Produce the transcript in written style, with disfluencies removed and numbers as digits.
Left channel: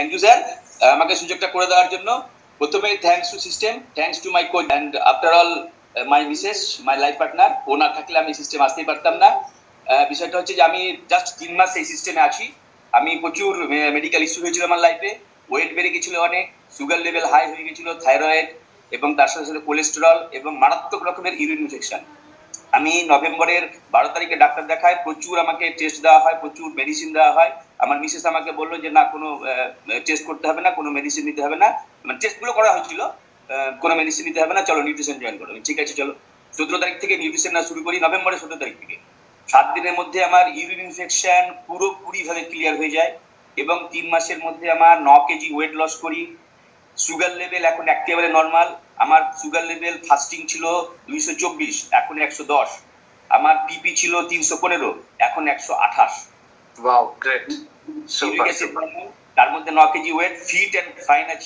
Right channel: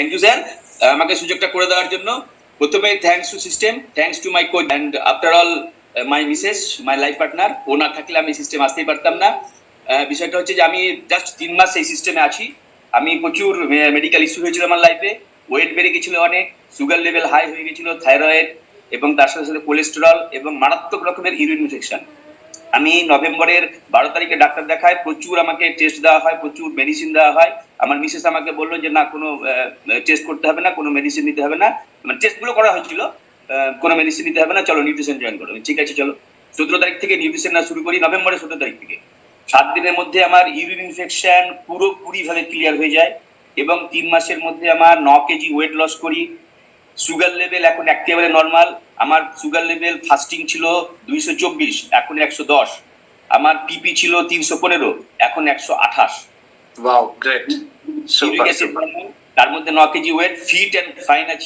Thank you sir, আমাকে সুযোগটা করে দেওয়ার জন্য। প্রথমে thanks to system, thanks to my coach and after all my missus, my life partner. ও না থাকলে আমি সিস্টেম আসতেই পারতাম না। বিষয়টা হচ্ছে যে আমি জাস্ট 3 মাস এই সিস্টেমে আছি। আমি প্রচুর মেডিকেল ইস্যু হয়েছিল আমার লাইফে। ওয়েট বেড়ে গেছিল অনেক, সুগার লেভেল হাই হয়ে গেছিল, থাইরয়েড এবং তার সাথে সাথে কোলেস্টেরল এবং মারাত্মক রকমের ইউরিন ইনফেকশন। আমি নভেম্বরের 12 তারিখে ডাক্তার দেখায়, প্রচুর আমাকে টেস্ট দেওয়া হয়, প্রচুর মেডিসিন দেওয়া হয়। আমার মিসেস আমাকে বললো যে না, কোনো টেস্ট করতে হবে না, কোনো মেডিসিন নিতে হবে না। মানে টেস্টগুলো করা হয়েছিল, কোনো মেডিসিন নিতে হবে না, চলো নিউট্রিশন জয়েন করো। ঠিক আছে চলো। 17 তারিখ থেকে নিউট্রিশন না শুরু করি, নভেম্বরের 17 তারিখ থেকে। 7 দিনের মধ্যে আমার ইউরিন ইনফেকশন পুরোপুরি ভাবে ক্লিয়ার হয়ে যায় এবং 3 মাসের মধ্যে আমার 9 কেজি ওয়েট লস করি। সুগার লেভেল এখন একেবারে নর্মাল। আমার সুগার লেভেল ফাস্টিং ছিল 224, এখন 110। আমার পিপি ছিল 315, এখন 128। Wow, great, super. তার মধ্যে 9 kg weight, fit and fine আছে।